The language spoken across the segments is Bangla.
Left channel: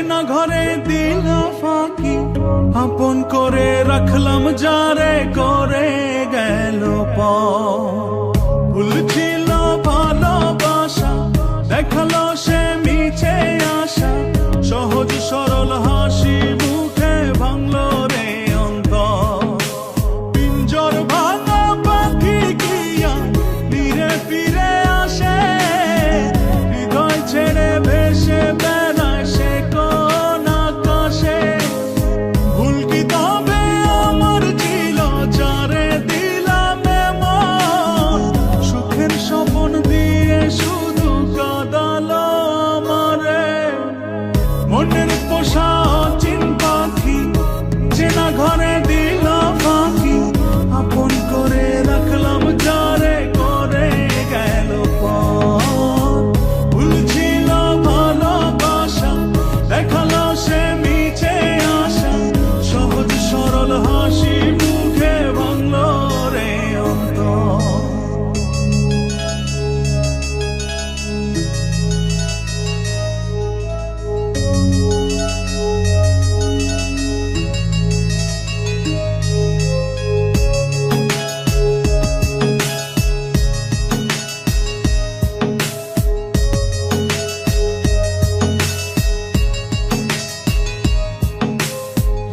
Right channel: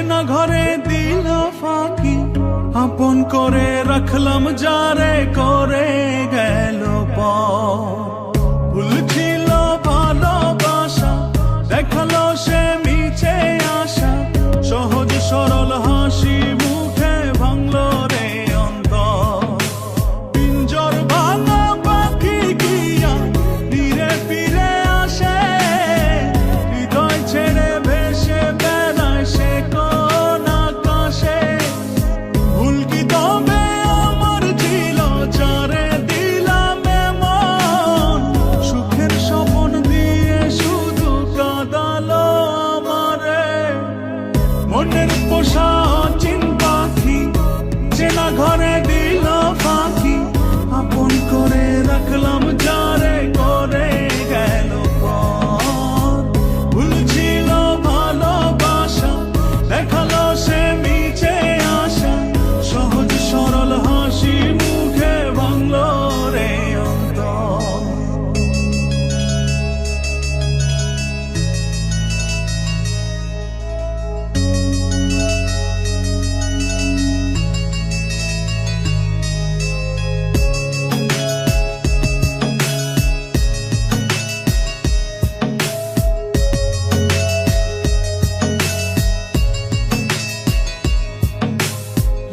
চেনা ঘরে দিল ফাঁকি, আপন করে রাখলাম যারে করে গেল ভুল ছিল ভালোবাসা, দেখালো সে মিছে আশা, সহজ সরল হাসি মুখে ভাঙলো রে অন্তর। পিঞ্জর ভাঙা পাখি কিয়া ফিরে ফিরে আসে, হৃদয় ছেড়ে ভেসে বেড়ায় সে কোন আকাশে। ভুল কি তবে আমার ছিল যারে দিলাম এমন, সুখের স্বপ্ন দিয়ে শুধু কাঁদালো আমারে। মনের পোষা চিন্তা কি চেনা ঘরে দিল ফাঁকি, আপন করে রাখলাম যারে করে গেল ভুল ছিল ভালোবাসা, দেখালো সে মিছে আশা, সহজ সরল হাসি মুখে ভাঙলো রে অন্তর।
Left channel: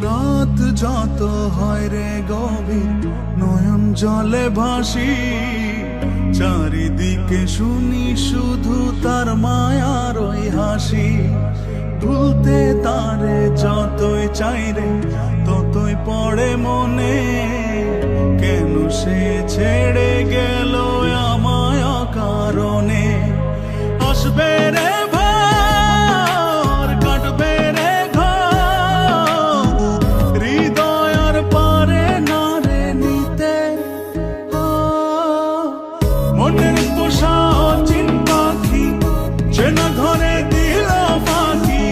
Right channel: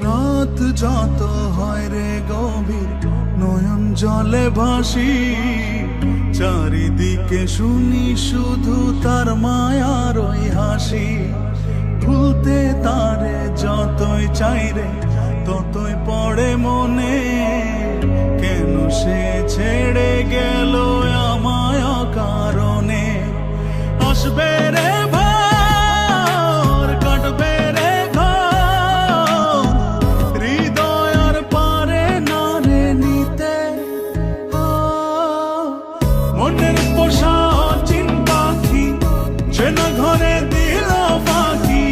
রাত যত হয় রে গভীর, নয়ন জলে ভাসি, চারিদিকে শুনি শুধু তার মায়ার ওই হাসি। ভুলতে তারে যতই চাই রে ততই পড়ে মনে, কেন সে ছেড়ে গেল আমায় কারণে। আসবে রে ঘর, কাটবে রে ঘর, হৃদয়ের পরে নারে নিতে। মনের পোষা চিন্তা কি যেন ঘরে দিল ফাঁকি,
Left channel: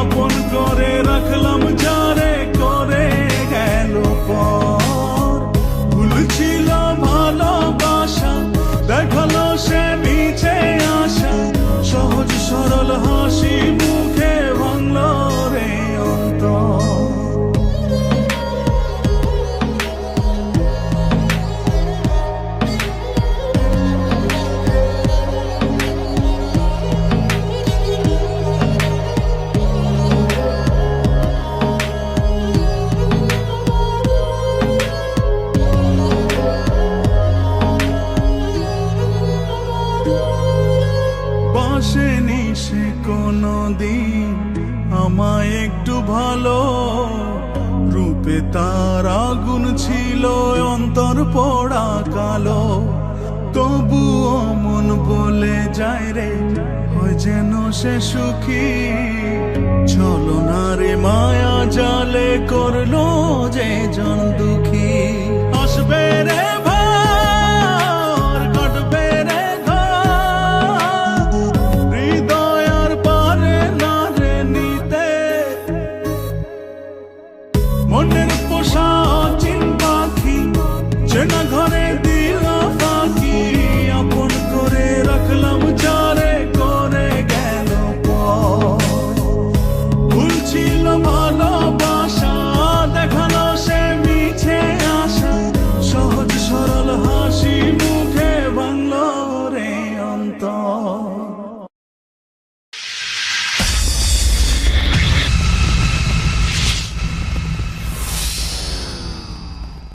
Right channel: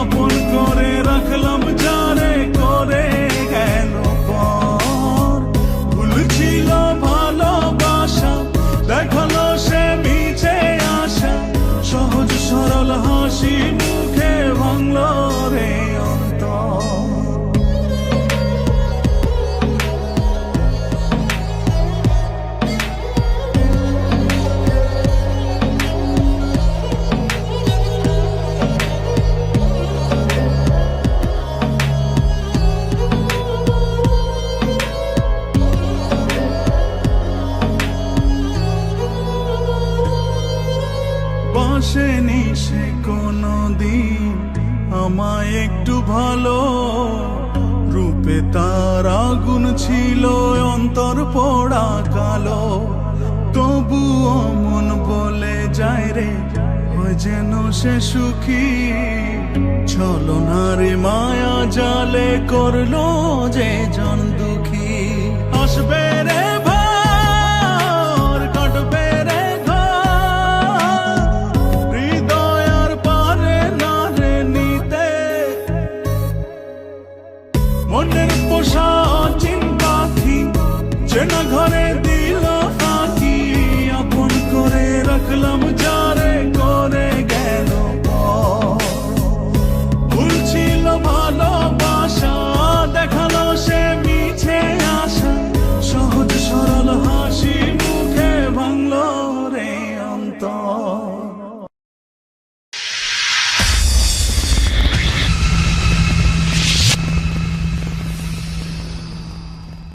আপন করে রাখলাম যারে করে গেল ভুল ছিল ভালোবাসা, দেখালো সে মিছে আশা, সহজ সরল হাসি মুখে ভাঙলো রে অন্তর। বাসেনি সে কোনদিন আমায় একটু ভালো, রূপে তার আগুন ছিল অন্তর পোড়া কালো। তবুও মন বলে যায় রে হয় যেন সে সুখী, ছলনারে মায়া জালে করলো যে জানত